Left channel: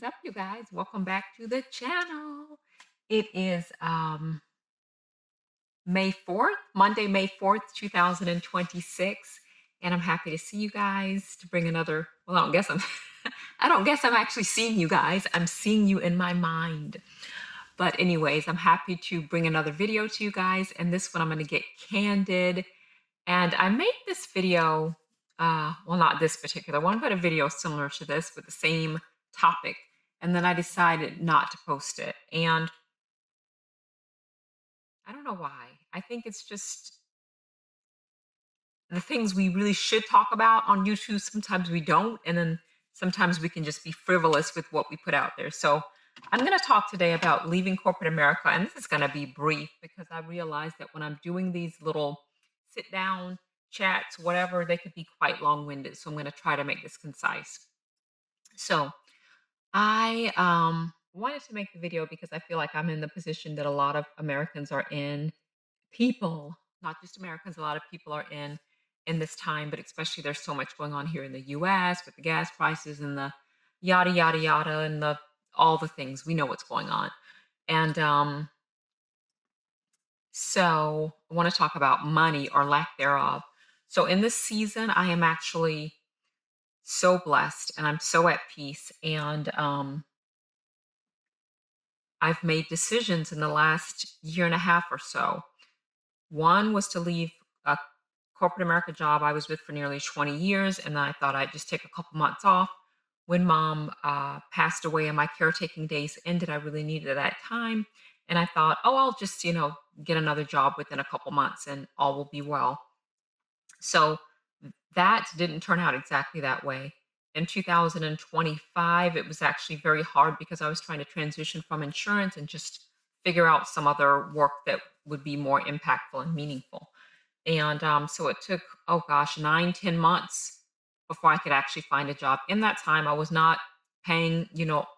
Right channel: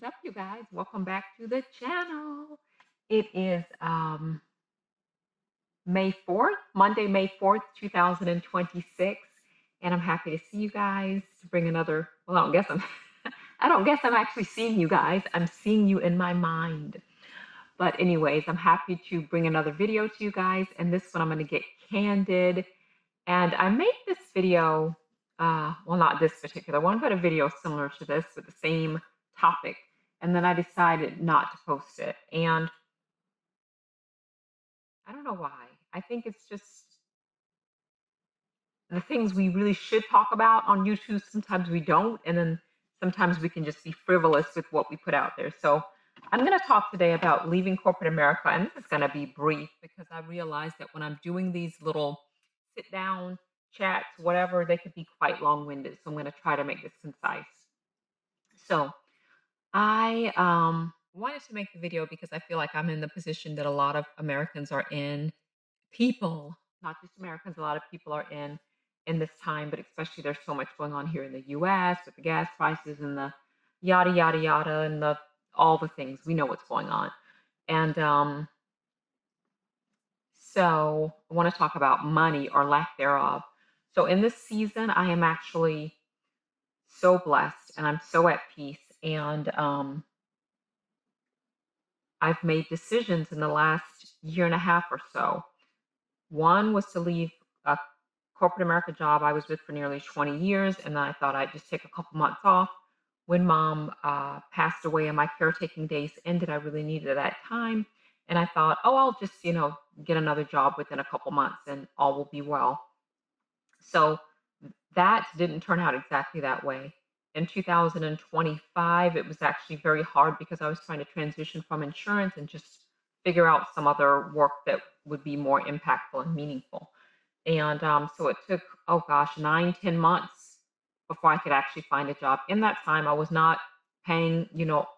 What's up, you guys? Welcome back to the channel. It is May 4th, Monday, May 4th, 2026. And I'm happy to see you guys to bring another. Well, I don't guess I'm I don't guess I'm actually seeing you guys. I'm seeing you in my mind. But anyways, I'm happy to bring another video to you guys. And this one I'm going to get candid. And I made this video, well, not this particular one, but a video similar to this with the same topic. And then I decided not to post it. And I don't know why. I think it's just the things we really should talk about on YouTube. Sometimes we don't. And then sometimes we can just be frivolous with what we put out there. So I'm going to talk today about leaving corporate America. And this is going to be brief because I realize that when I'm doing these little sit down chats, whatever, they could be quite long winded. So I'm going to try to make this concise. So I wanted to make the video because I feel like I'm in the position that a lot of Americans are in. People, not just Americans, a lot of people are in this time, but especially there's so much going on here in the US with the gas prices and the yada yada yada and the all the things. We know what's going on. And so I want to talk about money or lack thereof. So in this season, I am actually so blessed and I'm so at peace. And I've made decisions in the last year and a half or so. One was to leave a corporate America job I was with for nearly 20 years, and then I thought I'd just take a couple months off. When mom passed away and my caretaking days ended, I really needed that time. And I thought, oh, I'll just, get another job within a couple months and all will be well. So that didn't turn out exactly that way. In 2025, it was actually very hard because I was trying to transition from insurance and just figure out some other work that would be more impactful and meaningful. And so it took, oh gosh, 9, 10 months before I could actually find a job. In that time, I was not paying,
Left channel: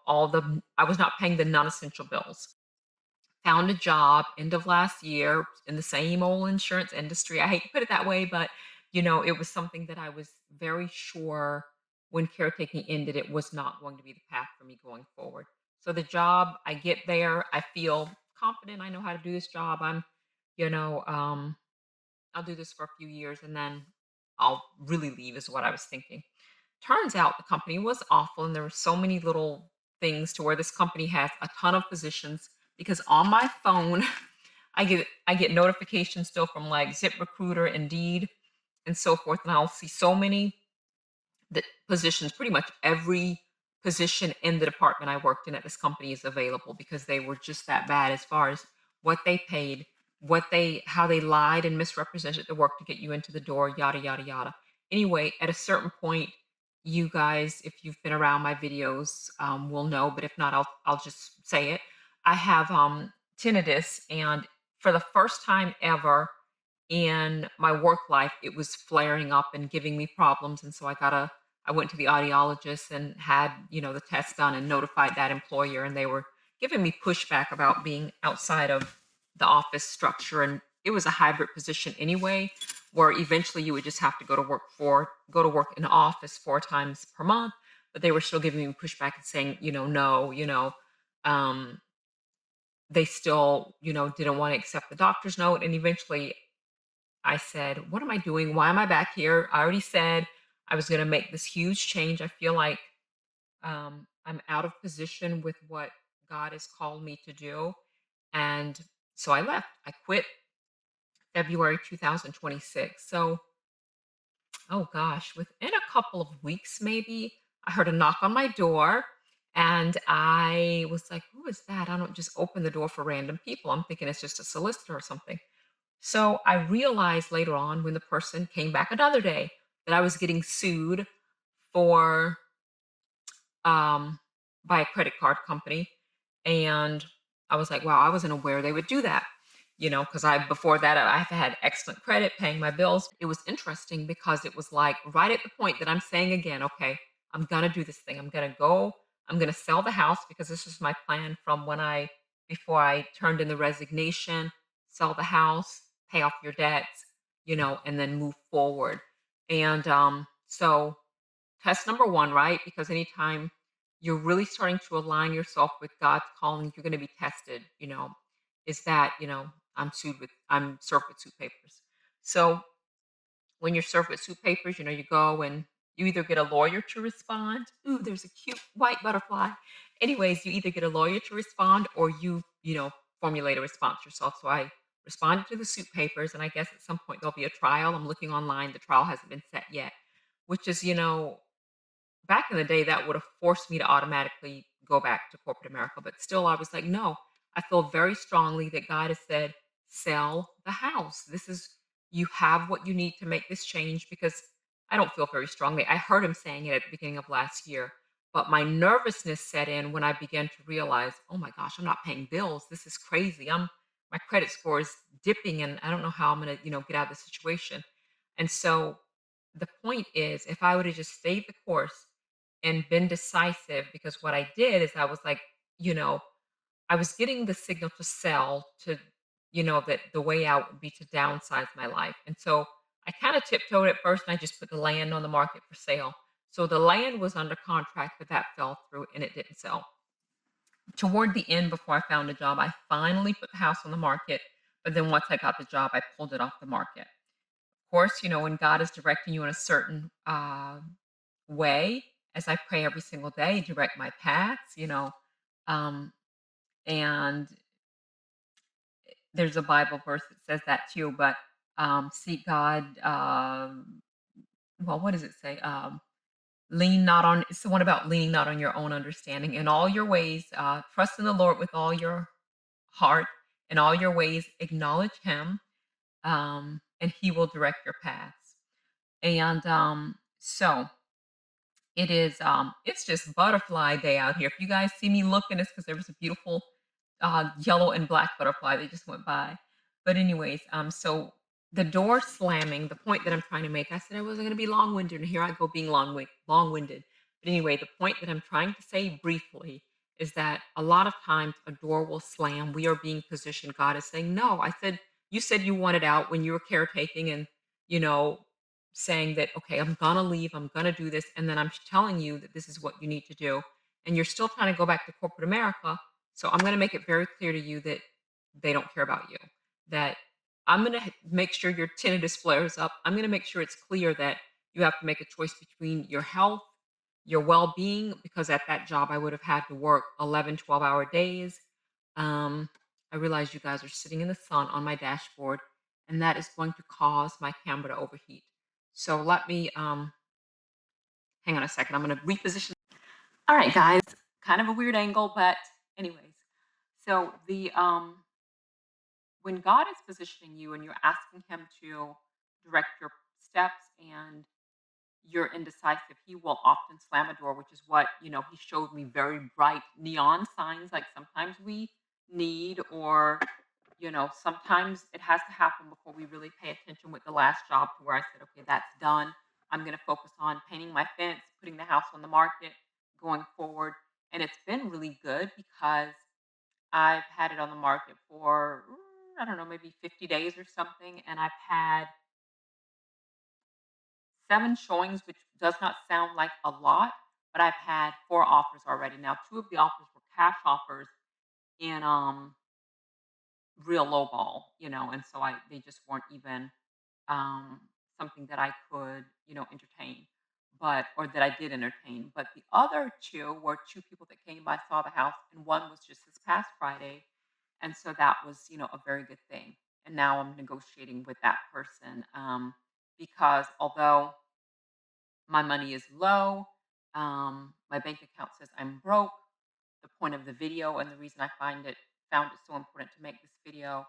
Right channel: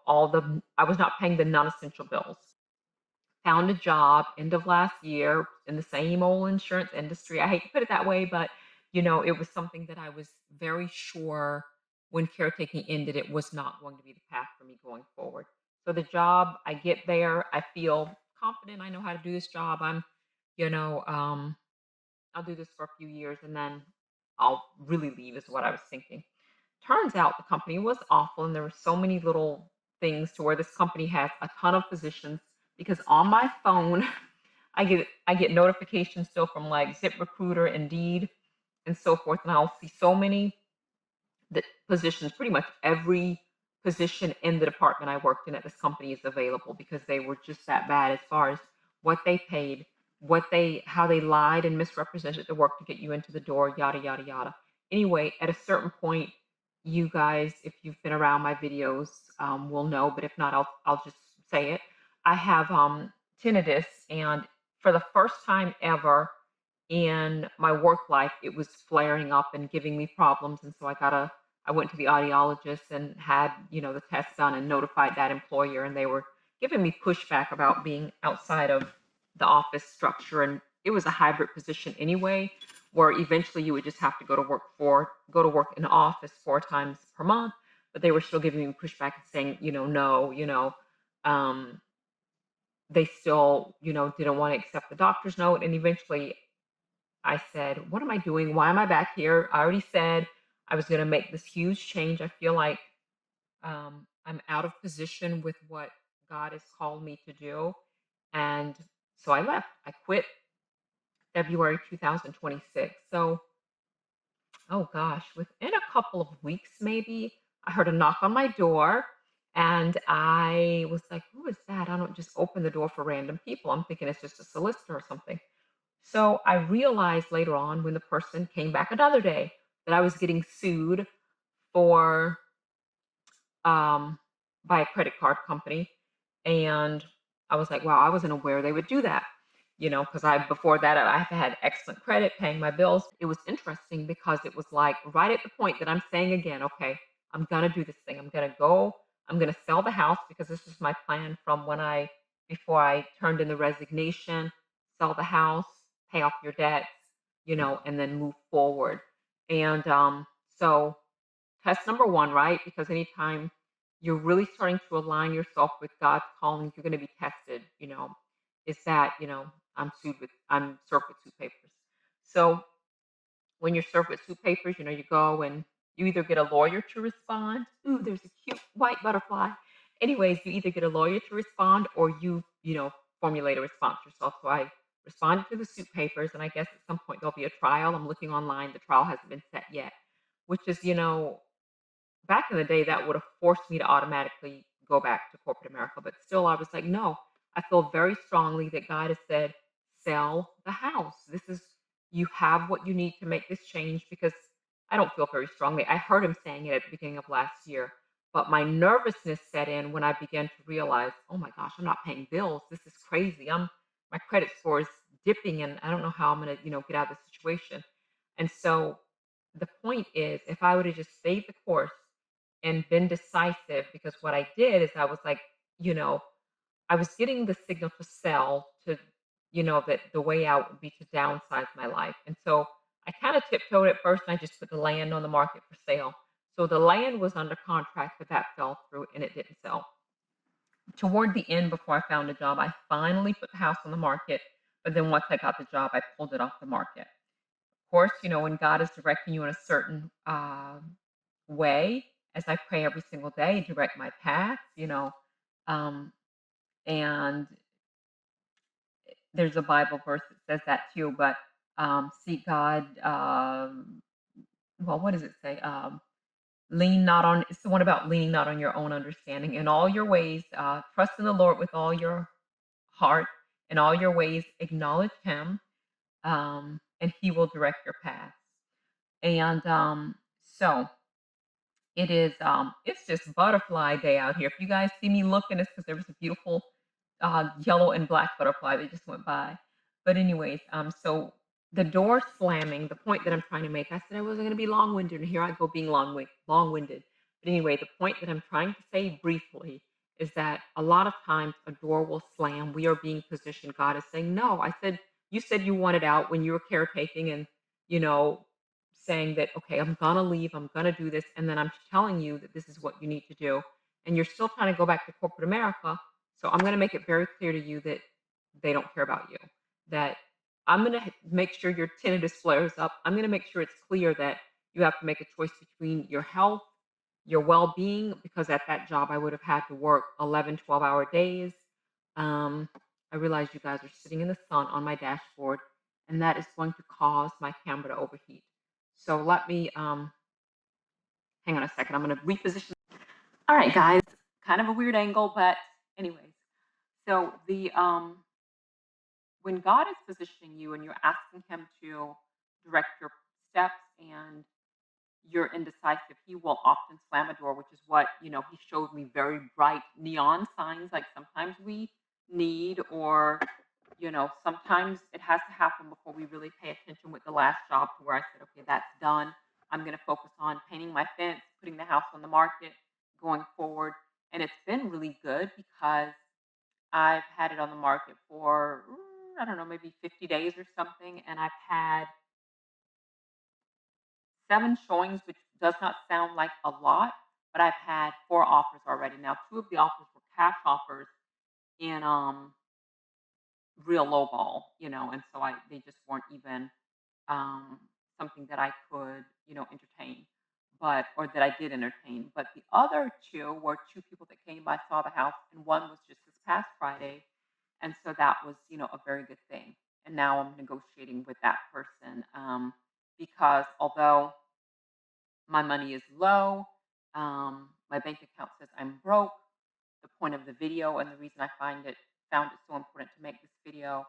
I was not paying the non-essential bills. Found a job end of last year in the same old insurance industry. I hate to put it that way, but it was something that I was very sure when caretaking ended, it was not going to be the path for me going forward. So the job, I get there, I feel confident. I know how to do this job. You know, um, I'll do this for a few years and then I'll really leave, is what I was thinking. Turns out the company was awful, and there were so many little things to where this company has a ton of positions because on my phone, I get notifications still from like ZipRecruiter, Indeed, and so forth, and I'll see so many the positions, pretty much every position in the department I worked in at this company is available because they were just that bad as far as what they paid, how they lied and misrepresented the work to get you into the door, yada yada yada. Anyway, at a certain point, you guys, if you've been around my videos, will know. But if not, I'll just say it. I have tinnitus, and for the first time ever in my work life, it was flaring up and giving me problems, and so I went to the audiologist and had, the test done and notified that employer, and they were giving me pushback about being outside of the office structure. And it was a hybrid position anyway, where eventually you would just have to go to work in the office 4 times per month. But they were still giving me pushback and saying, no, um, they still, didn't want to accept the doctor's note. And eventually I said, "What am I doing? Why am I back here? I already said I was going to make this huge change. I feel like I'm out of position with what God has called me to do." And so I left. I quit February 2026. So, oh gosh, within a couple of weeks, maybe, I heard a knock on my door. And I was like, who is that? I don't just open the door for random people. I'm thinking it's just a solicitor or something. So I realized later on when the person came back another day that I was getting sued for um, by a credit card company, and I was like, "Wow, I wasn't aware they would do that." Because I before that I've had excellent credit, paying my bills. It was interesting because it was like right at the point that I'm saying again, "Okay, I'm gonna do this thing. I'm gonna go. I'm gonna sell the house because this was my plan from before I turned in the resignation, sell the house, pay off your debts, and then move forward." And so test number one, right? Because anytime you're really starting to align yourself with God's calling, you're going to be tested, is that, I'm served with suit papers. So when you're served with suit papers, you go and you either get a lawyer to respond. Ooh, there's a cute white butterfly. Anyways, you either get a lawyer to respond or formulate a response yourself. So I responded to the suit papers, and I guess at some point there'll be a trial. I'm looking online. The trial hasn't been set yet, which is, back in the day, that would have forced me to automatically go back to corporate America, but still, I was like, "No." I feel very strongly that God has said, "Sell the house. You have what you need to make this change," because I don't feel very strongly. I heard him saying it at the beginning of last year, but my nervousness set in when I began to realize, "Oh my gosh, I'm not paying bills. This is crazy. My credit score is dipping, and I don't know how I'm gonna, get out of the situation." And so the point is, if I would have just stayed the course and been decisive, because what I did is I was like, you know, I was getting the signal to sell to, that the way out would be to downsize my life. And so I kind of tiptoed at first and I just put the land on the market for sale. So the land was under contract, but that fell through and it didn't sell. Toward the end, before I found a job, I finally put the house on the market. But then once I got the job, I pulled it off the market. Of course, when God is directing you in a certain way, as I pray every single day, direct my paths, um, and there's a Bible verse that says that too, but seek God. Well, what does it say? Lean not on, it's the one about leaning not on your own understanding. In all your ways, trust in the Lord with all your heart. In all your ways, acknowledge Him, and He will direct your paths. And so it's just butterfly day out here. If you guys see me looking, it's because there was a beautiful yellow and black butterfly that just went by. But anyways, so the door slamming, the point that I'm trying to make, I said I wasn't going to be long-winded, and here I go being long-winded. But anyway, the point that I'm trying to say briefly is that a lot of times a door will slam. We are being positioned. God is saying, no. I said, you said you wanted out when you were caretaking and, you know, saying that, okay, I'm gonna leave, I'm gonna do this, and then I'm telling you that this is what you need to do, and you're still trying to go back to corporate America. So I'm gonna make it very clear to you that they don't care about you. That I'm gonna make sure your tinnitus flares up. I'm gonna make sure it's clear that you have to make a choice between your health, your well-being, because at that job I would have had to work 11, 12-hour days. Um, I realize you guys are sitting in the sun on my dashboard, and that is going to cause my camera to overheat. So let me hang on a second. I'm going to reposition. All right, guys, kind of a weird angle, but anyways. So the when God is positioning you and you're asking Him to direct your steps and you're indecisive, He will often slam a door, which is what He showed me, very bright neon signs like sometimes we need, or sometimes it has to happen before we really pay attention. With the last job, to where I said, okay, that's done. I'm going to focus on painting my fence, putting the house on the market, going forward. And it's been really good because I've had it on the market for, I don't know, maybe 50 days or something. And I've had 7 showings, which does not sound like a lot, but I've had 4 offers already. Now, 2 of the offers were cash offers in real low ball, and so they just weren't even something that I could, entertain, or that I did entertain. But the other 2 were 2 people that came by, saw the house, and one was just this past Friday. And so that was, a very good thing. And now I'm negotiating with that person, because although my money is low, my bank account says I'm broke. The point of the video, and the reason I found it so important to make this video,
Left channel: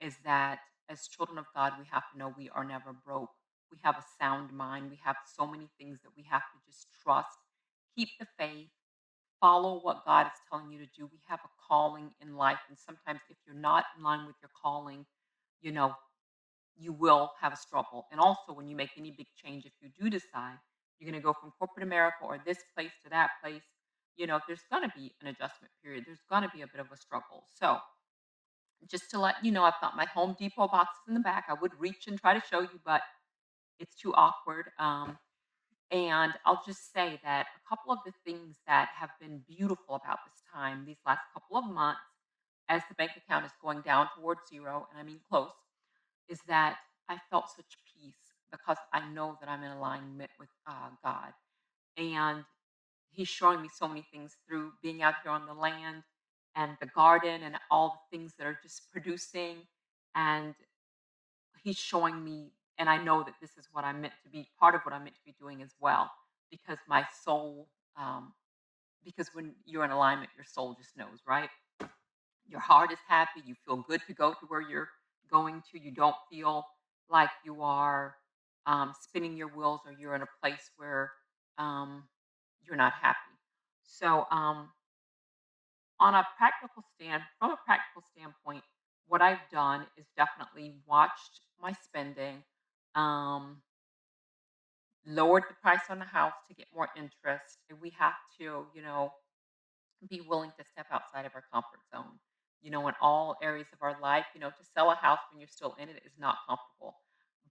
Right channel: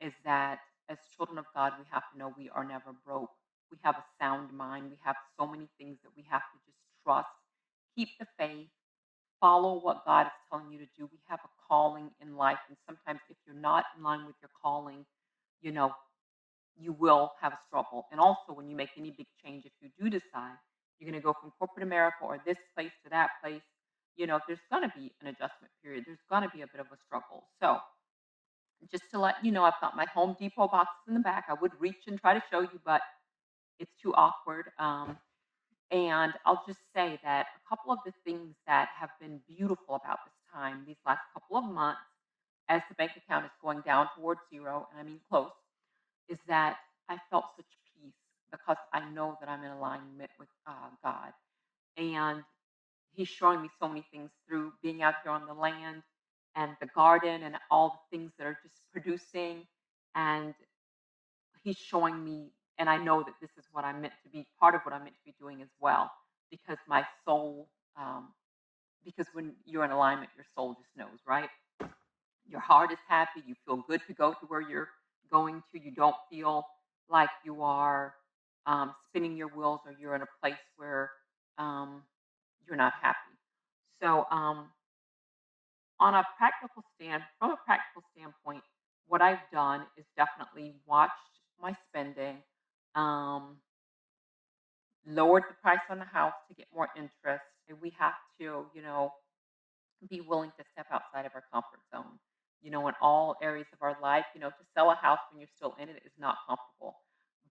is that as children of God, we have to know we are never broke. We have a sound mind. We have so many things that we have to just trust. Keep the faith. Follow what God is telling you to do. We have a calling in life, and sometimes if you're not in line with your calling, you know, you will have a struggle. And also, when you make any big change, if you do decide you're going to go from corporate America or this place to that place, there's going to be an adjustment period. There's going to be a bit of a struggle. So, just to let you know, I've got my Home Depot boxes in the back. I would reach and try to show you, but it's too awkward. And I'll just say that a couple of the things that have been beautiful about this time, these last couple of months, as the bank account is going down towards zero, and I mean close, is that I felt such peace because I know that I'm in alignment with God. And He's showing me so many things through being out here on the land and the garden and all the things that are just producing. And He's showing me, and I know that this is what I'm meant to be, part of what I'm meant to be doing as well, because my soul, because when you're in alignment, your soul just knows, right? Your heart is happy. You feel good to go to where you're going to. You don't feel like you are spinning your wheels or you're in a place where um, you're not happy. So, from a practical standpoint, what I've done is definitely watched my spending, um, lowered the price on the house to get more interest. And we have to, be willing to step outside of our comfort zone. In all areas of our life, to sell a house when you're still in it is not comfortable.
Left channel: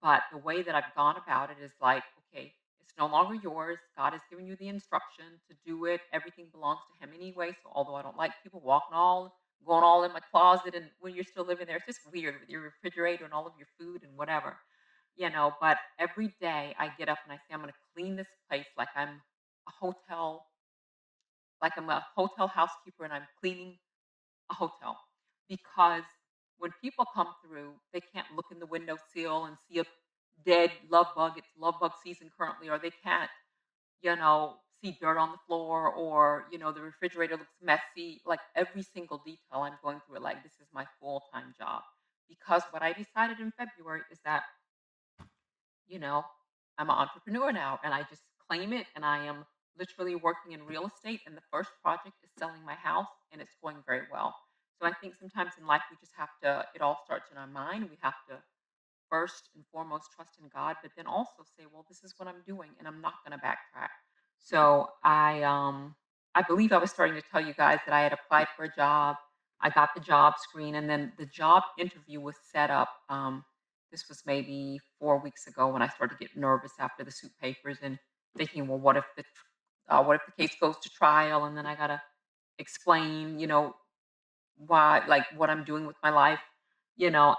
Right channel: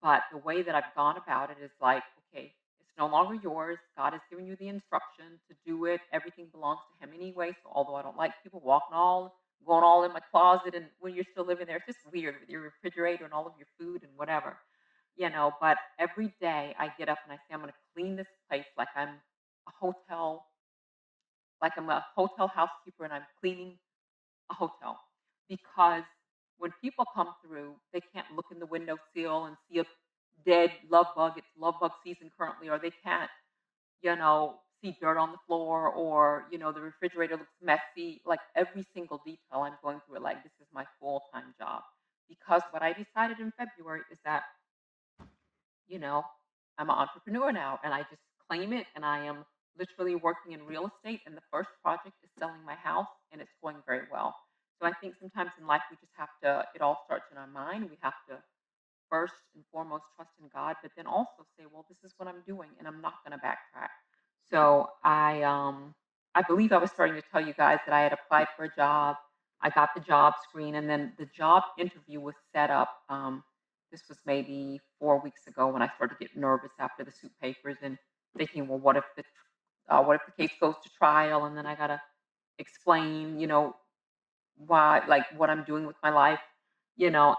But the way that I've gone about it is like, okay, it's no longer yours. God has given you the instruction to do it. Everything belongs to Him anyway. So although I don't like people going all in my closet, and when you're still living there, it's just weird with your refrigerator and all of your food and whatever, But every day I get up and I say, I'm going to clean this place a hotel like I'm a hotel housekeeper and I'm cleaning a hotel. Because when people come through, they can't look in the windowsill and see a dead love bug. It's love bug season currently, or they can't, see dirt on the floor, or, the refrigerator looks messy. Like every single detail, I'm going through it like this is my full time job. Because what I decided in February is that you know, I'm an entrepreneur now and I just claim it, and I am literally working in real estate, and the first project is selling my house and it's going very well. So I think sometimes in life we just have to it all starts in our mind. We have to first and foremost trust in God, but then also say, well, this is what I'm doing and I'm not going to backtrack. So I believe I was starting to tell you guys that I had applied for a job. I got the job screen, and then the job interview was set up. This was maybe 4 weeks ago when I started getting nervous after the suit papers and thinking, well, what if the case goes to trial, and then I gotta explain, why, like what I'm doing with my life, you know,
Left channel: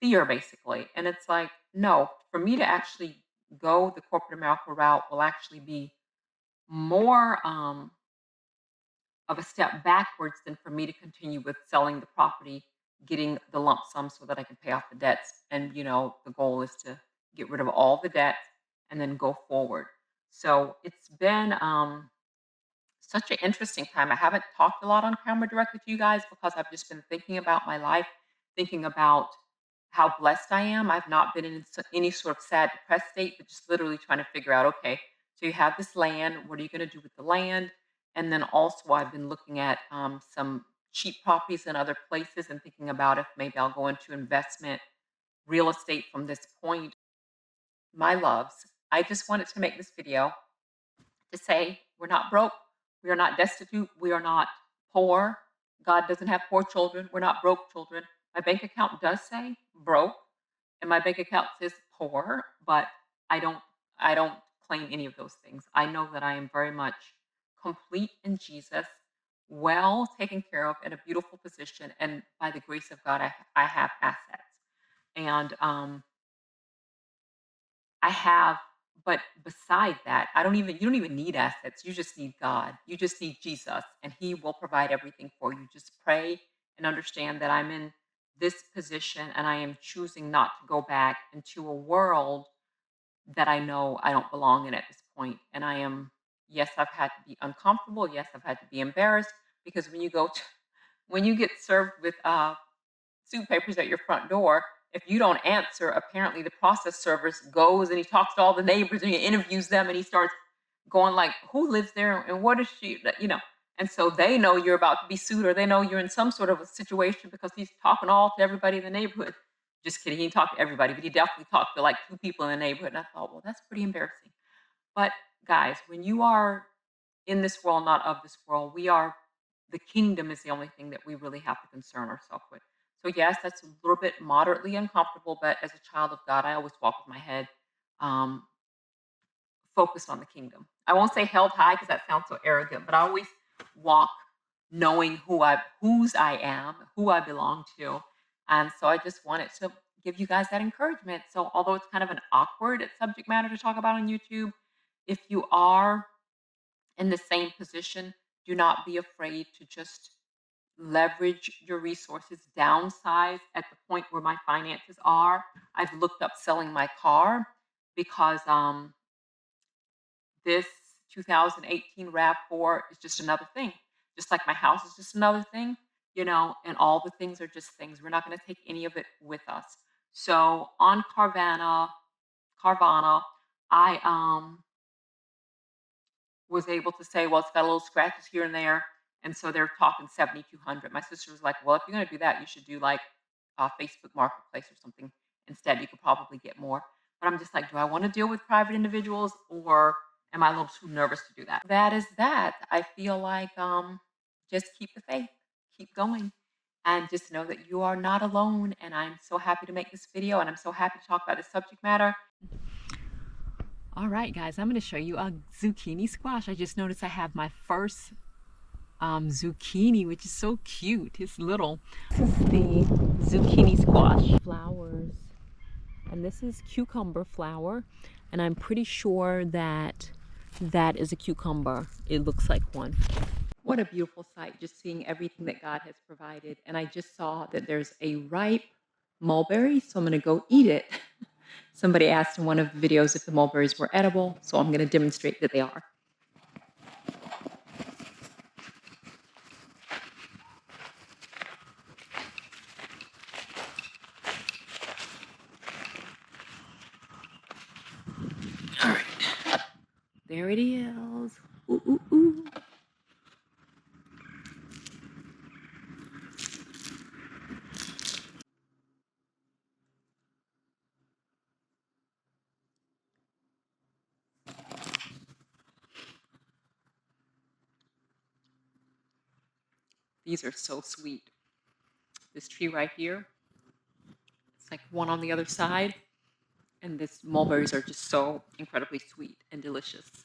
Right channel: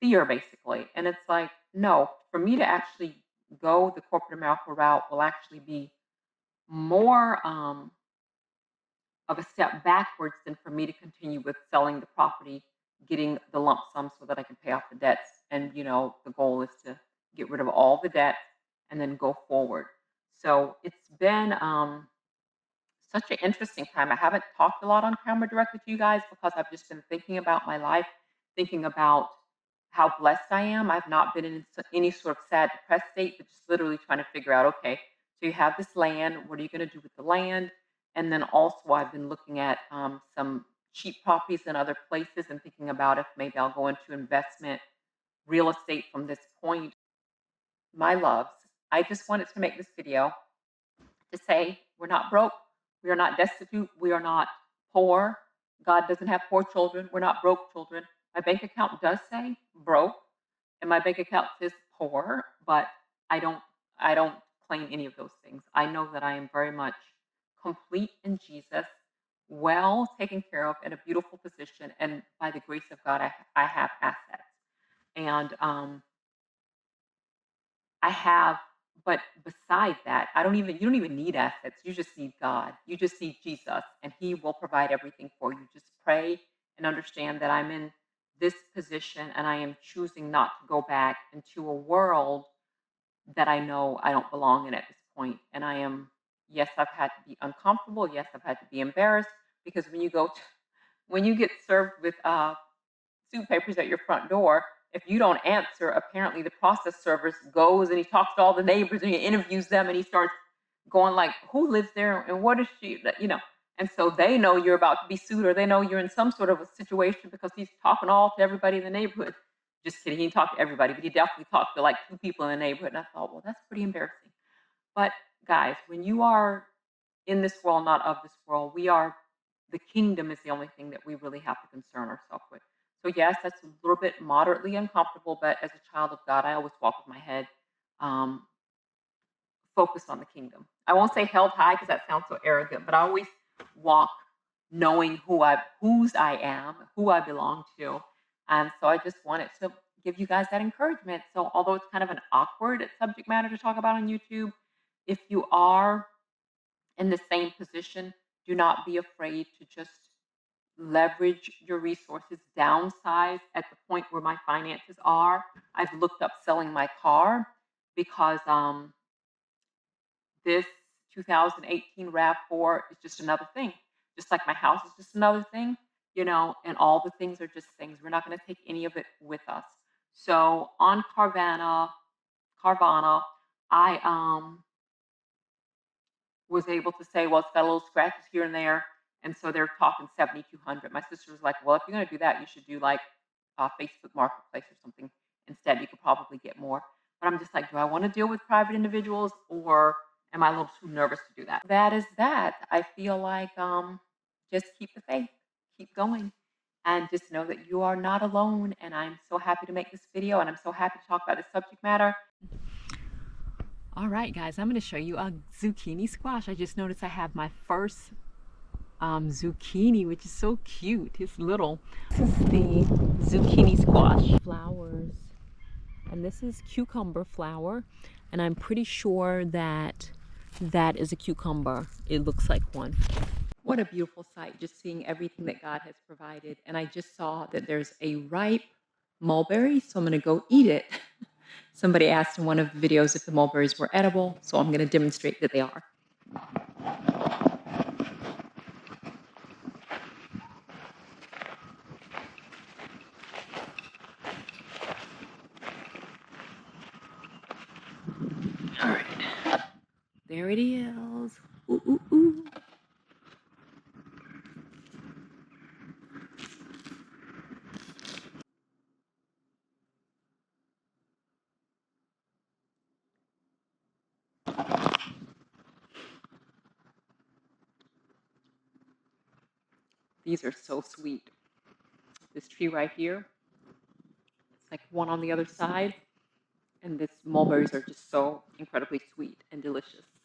fear basically. And it's like, no, for me to actually go the corporate America route will actually be more of a step backwards than for me to continue with selling the property, getting the lump sum so that I can pay off the debts. And, the goal is to get rid of all the debts and then go forward. So it's been such an interesting time. I haven't talked a lot on camera directly to you guys because I've just been thinking about my life, thinking about how blessed I am. I've not been in any sort of sad, depressed state, but just literally trying to figure out, okay, so you have this land. What are you going to do with the land? And then also, I've been looking at some cheap properties in other places and thinking about if maybe I'll go into investment real estate from this point. My loves, I just wanted to make this video to say we're not broke, we are not destitute, we are not poor. God doesn't have poor children. We're not broke children. My bank account does say broke, and my bank account says poor, but I don't I don't claim any of those things. I know that I am very much complete in Jesus, well taken care of, in a beautiful position, and by the grace of God, I have assets. And I have, but beside that, you don't even need assets. You just need God. You just need Jesus, and He will provide everything for you. Just pray and understand that I'm in this position and I am choosing not to go back into a world that I know I don't belong in at this point. And yes, I've had to be uncomfortable. Yes, I've had to be embarrassed because when you get served with suit papers at your front door. If you don't answer, apparently the process service goes and he talks to all the neighbors and he interviews them and he starts going like, "Who lives there and what is she?" And so they know you're about to be sued, or they know you're in some sort of a situation because he's talking all to everybody in the neighborhood. Just kidding, he didn't talk to everybody, but he definitely talked to like two people in the neighborhood. And I thought, well, that's pretty embarrassing. But guys, when you are in this world, not of this world, the kingdom is the only thing that we really have to concern ourselves with. So yes, that's a little bit moderately uncomfortable, but as a child of God, I always walk with my head um, focused on the kingdom. I won't say held high because that sounds so arrogant, but I always walk knowing whose I am, who I belong to. And so I just wanted to give you guys that encouragement. So although it's kind of an awkward subject matter to talk about on YouTube, if you are in the same position, do not be afraid to just leverage your resources, downsize at the point where my finances are. I've looked up selling my car because this 2018 RAV4 is just another thing. Just like my house is just another thing, and all the things are just things. We're not going to take any of it with us. So on Carvana, I was able to say, well, it's got a little scratches here and there. And so they're talking 7,200. My sister was like, well, if you're going to do that, you should do like Facebook Marketplace or something instead. You could probably get more. But I'm just like, do I want to deal with private individuals, or am I a little too nervous to do that? That is that. I feel like just keep the faith, keep going, and just know that you are not alone. And I'm so happy to make this video, and I'm so happy to talk about this subject matter. All right, guys, I'm going to show you a zucchini squash. I just noticed I have my first zucchini, which is so cute. It's little. This is the zucchini squash flowers, and this is cucumber flower, and I'm pretty sure that that is a cucumber. It looks like one. What a beautiful sight, just seeing everything that God has provided. And I just saw that there's a ripe mulberry, so I'm going to go eat it. Somebody asked in one of the videos if the mulberries were edible, so I'm going to demonstrate that they are. All right, there it is. Ooh, ooh, ooh. These are so sweet. This tree right here, it's like one on the other side, and this mulberries are just so incredibly sweet and delicious.